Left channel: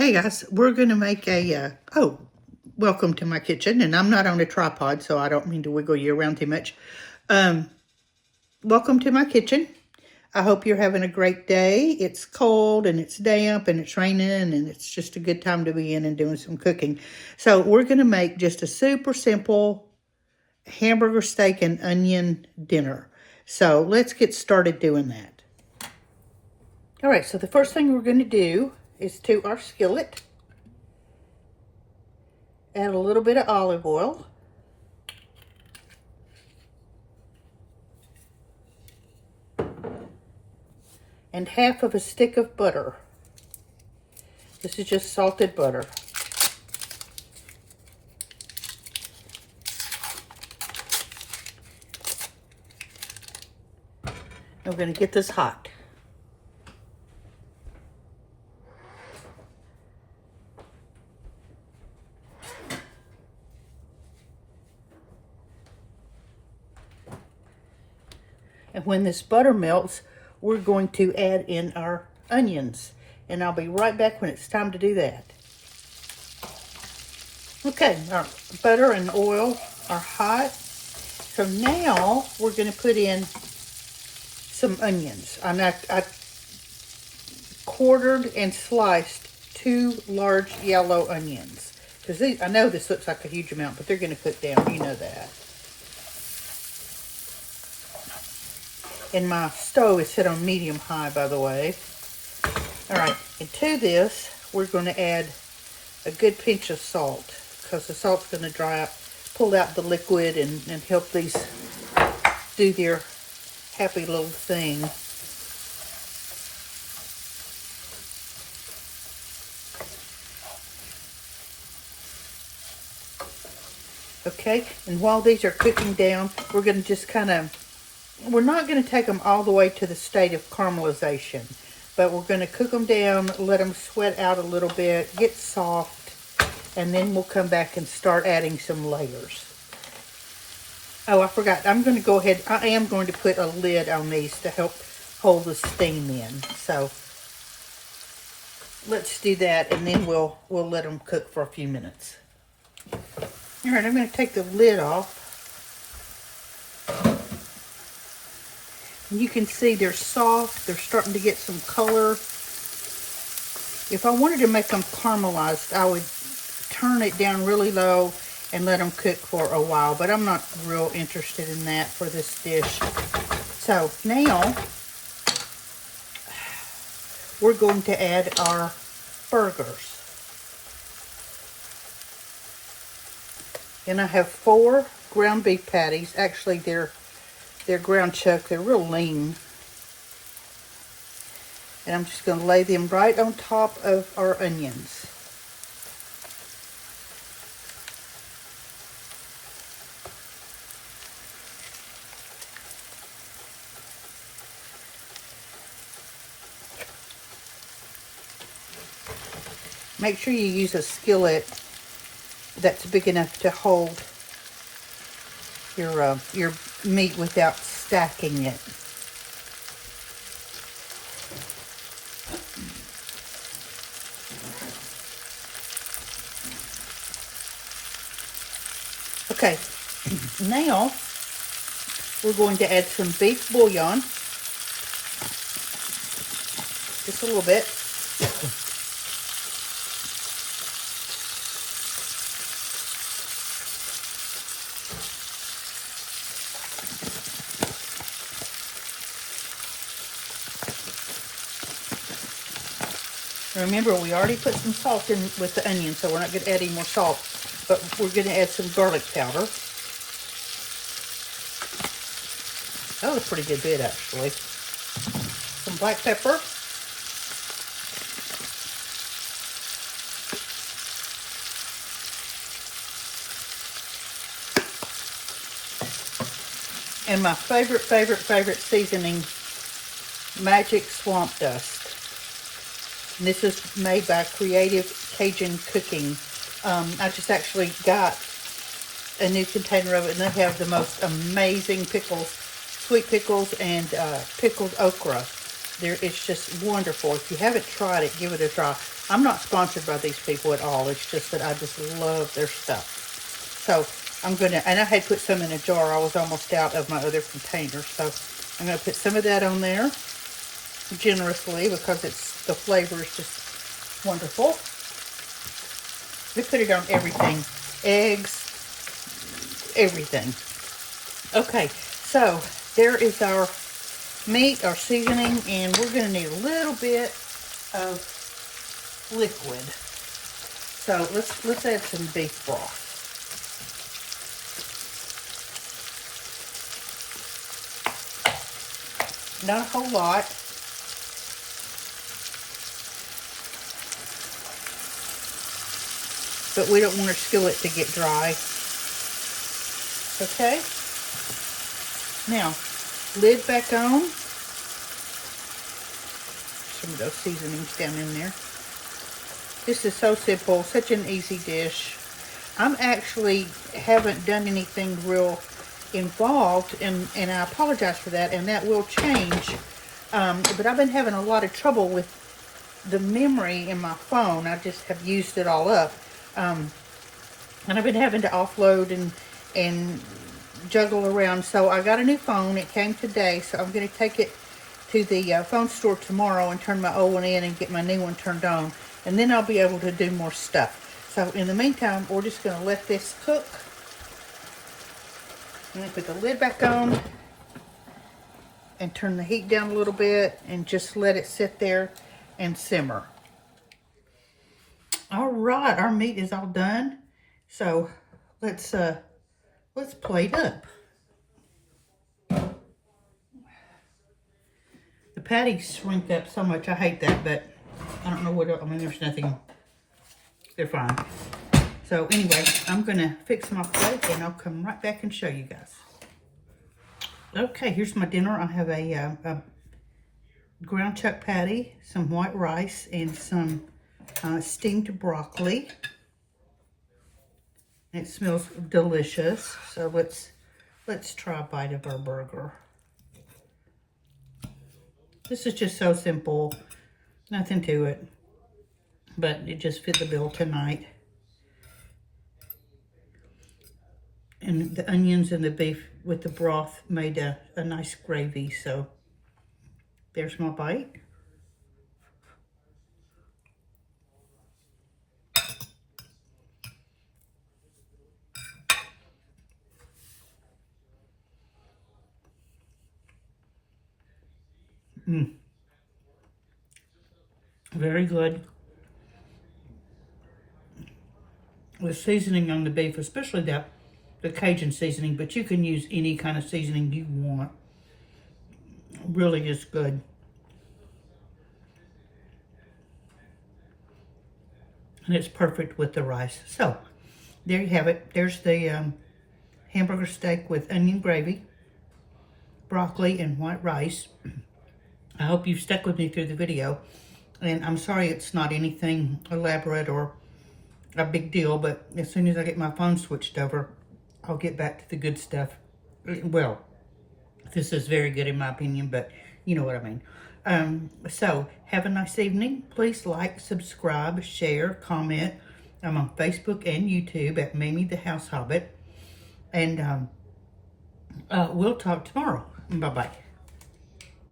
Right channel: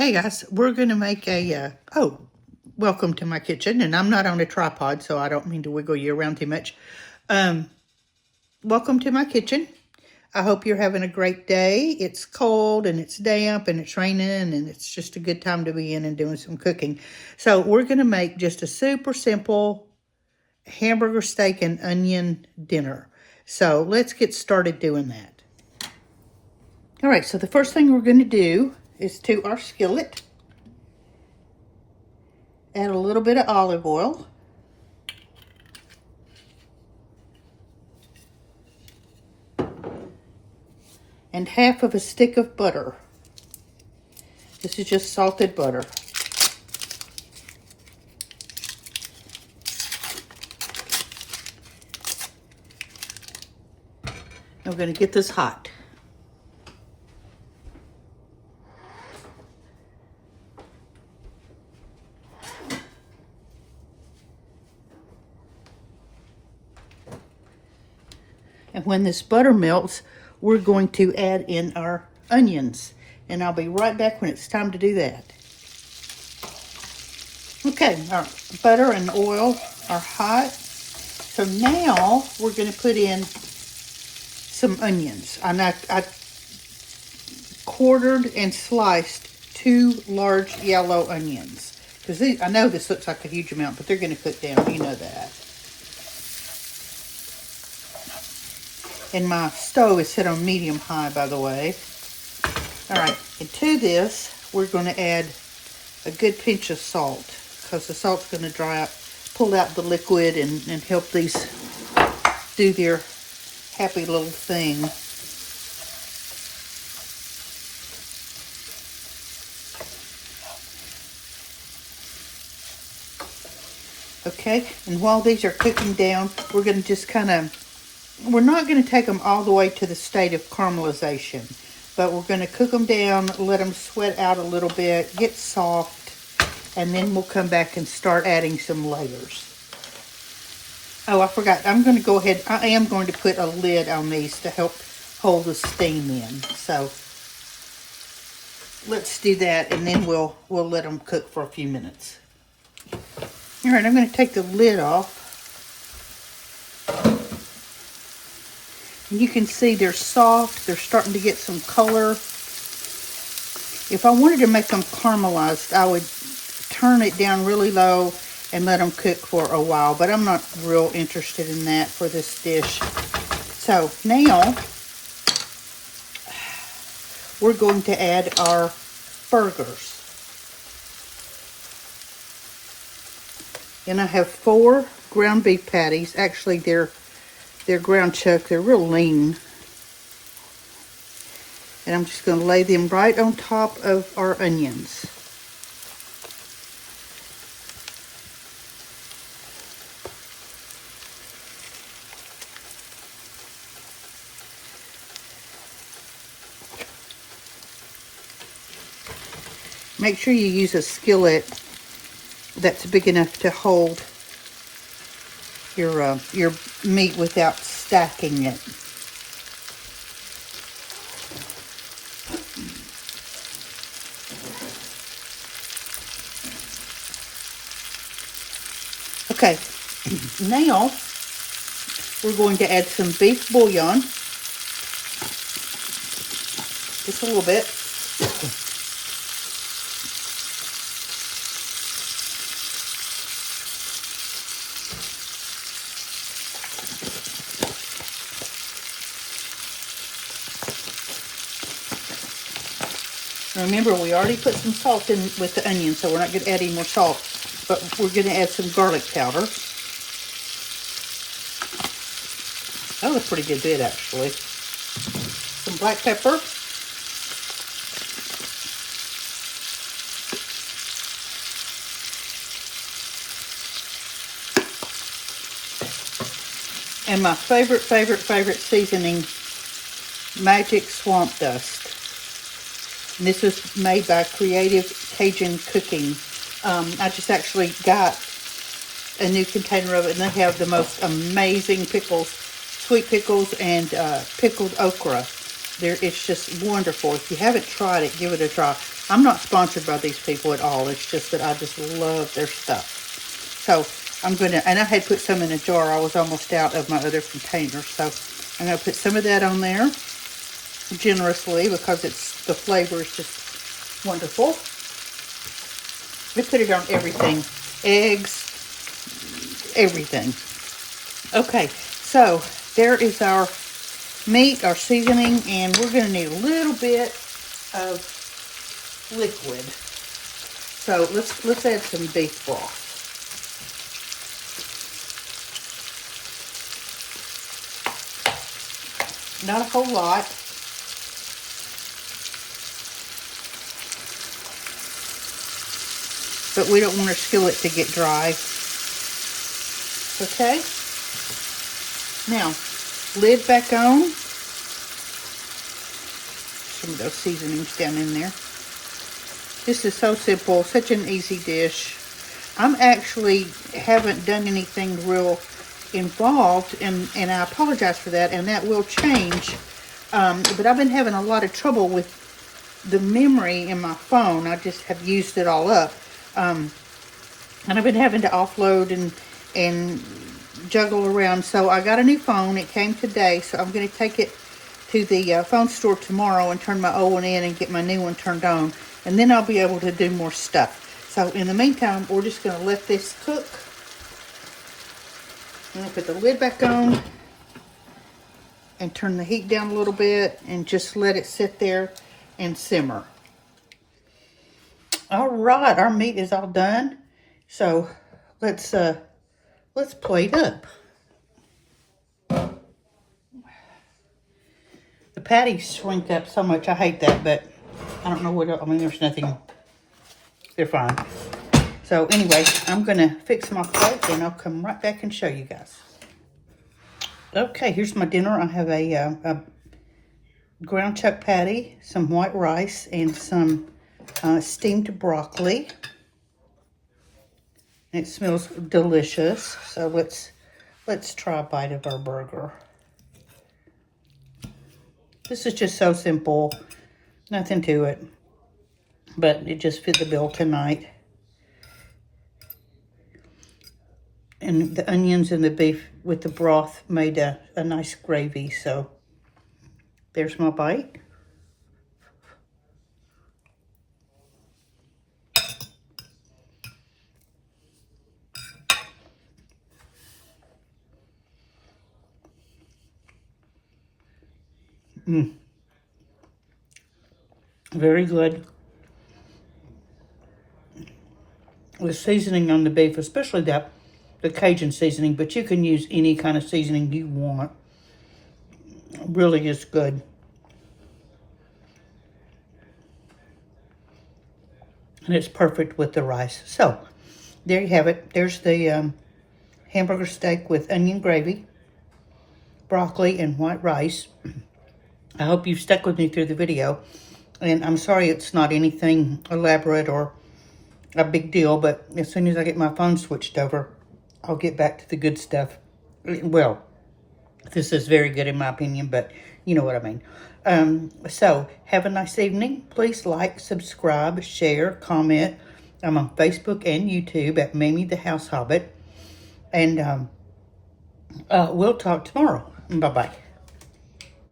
Hey guys, we're going to make welcome to my kitchen, and I'm not on a tripod, so I don't mean to wiggle you around too much. Welcome to my kitchen. I hope you're having a great day. It's cold, and it's damp, and it's raining, and it's just a good time to be in and doing some cooking. So we're going to make just a super simple hamburger steak and onion dinner. So let's get started doing that. All right, so the first thing we're going to do is to our skillet, add a little bit of olive oil, and half of a stick of butter. This is just salted butter. I'm going to get this hot. And when this butter melts, we're going to add in our onions. And I'll be right back when it's time to do that. Okay, our butter and oil are hot. So now we're going to put in some onions. I quartered and sliced 2 large yellow onions. Because I know this looks like a huge amount, but they're going to cook down. You know that. And my stove is set on medium-high, by the way. All right, and to this, we're going to add a good pinch of salt, because the salt's going to dry up, pull out the liquid, and help these do their happy little thing. Okay, and while these are cooking down, we're going to just we're not going to take them all the way to the state of caramelization, but we're going to cook them down, let them sweat out a little bit, get soft, and then we'll come back and start adding some layers. Oh, I forgot. I am going to put a lid on these to help hold the steam in. So let's do that, and then we'll let them cook for a few minutes. All right, I'm going to take the lid off. And you can see they're soft. They're starting to get some color. If I wanted to make them caramelized, I would turn it down really low and let them cook for a while. But I'm not real interested in that for this dish. So now we're going to add our burgers. And I have 4 ground beef patties. Actually, they're ground chuck. They're real lean. And I'm just going to lay them right on top of our onions. Make sure you use a skillet that's big enough to hold your meat without stacking it. Okay, now we're going to add some beef bouillon, just a little bit. Remember, we already put some salt in with the onion, so we're not going to add any more salt. But we're going to add some garlic powder. That was a pretty good bit, actually. Some black pepper. And my favorite seasoning, Magic Swamp Dust. And this is made by Creative Cajun Cooking. I just actually got a new container of it, and they have the most amazing pickles, sweet pickles, and pickled okra. It's just wonderful. If you haven't tried it, give it a try. I'm not sponsored by these people at all. It's just that I just love their stuff. So I'm going to, and I had put some in a jar. I was almost out of my other container. So I'm going to put some of that on there generously because the flavor is just wonderful. We put it on everything. Eggs, everything. Okay, so there is our meat, our seasoning, and we're going to need a little bit of liquid. So let's add some beef broth. Not a whole lot. But we don't want our skillet to get dry. Okay? Now, lid back on. Some of those seasonings down in there. This is so simple, such an easy dish. I'm actually haven't done anything real involved, and I apologize for that, and that will change. But I've been having a lot of trouble with the memory in my phone. I just have used it all up. And I've been having to offload and juggle around. So I got a new phone. It came today, so I'm going to take it to the phone store tomorrow and turn my old one in and get my new one turned on. And then I'll be able to do more stuff. So in the meantime, we're just going to let this cook. I'm going to put the lid back on and turn the heat down a little bit and just let it sit there and simmer. All right, our meat is all done. So let's plate up. The patties shrink up so much. I hate that, but I don't know what else. I mean, there's nothing. They're fine. So anyway, I'm going to fix my plate and I'll come right back and show you guys. Okay, here's my dinner. I have a ground chuck patty, some white rice, and some steamed broccoli. It smells delicious. So let's try a bite of our burger. This is just so simple. Nothing to it. But it just fit the bill tonight. And the onions and the beef with the broth made a nice gravy. So there's my bite. Very good. The seasoning on the beef, especially the Cajun seasoning, but you can use any kind of seasoning you want. It really is good. And it's perfect with the rice. So, there you have it. There's the hamburger steak with onion gravy, broccoli, and white rice. I hope you've stuck with me through the video. And I'm sorry it's not anything elaborate or a big deal, but as soon as I get my phone switched over, I'll get back to the good stuff. Well, this is very good in my opinion, but you know what I mean. So, have a nice evening. Please like, subscribe, share, comment. I'm on Facebook and YouTube at Mamie the House Hobbit. And we'll talk tomorrow. Bye-bye.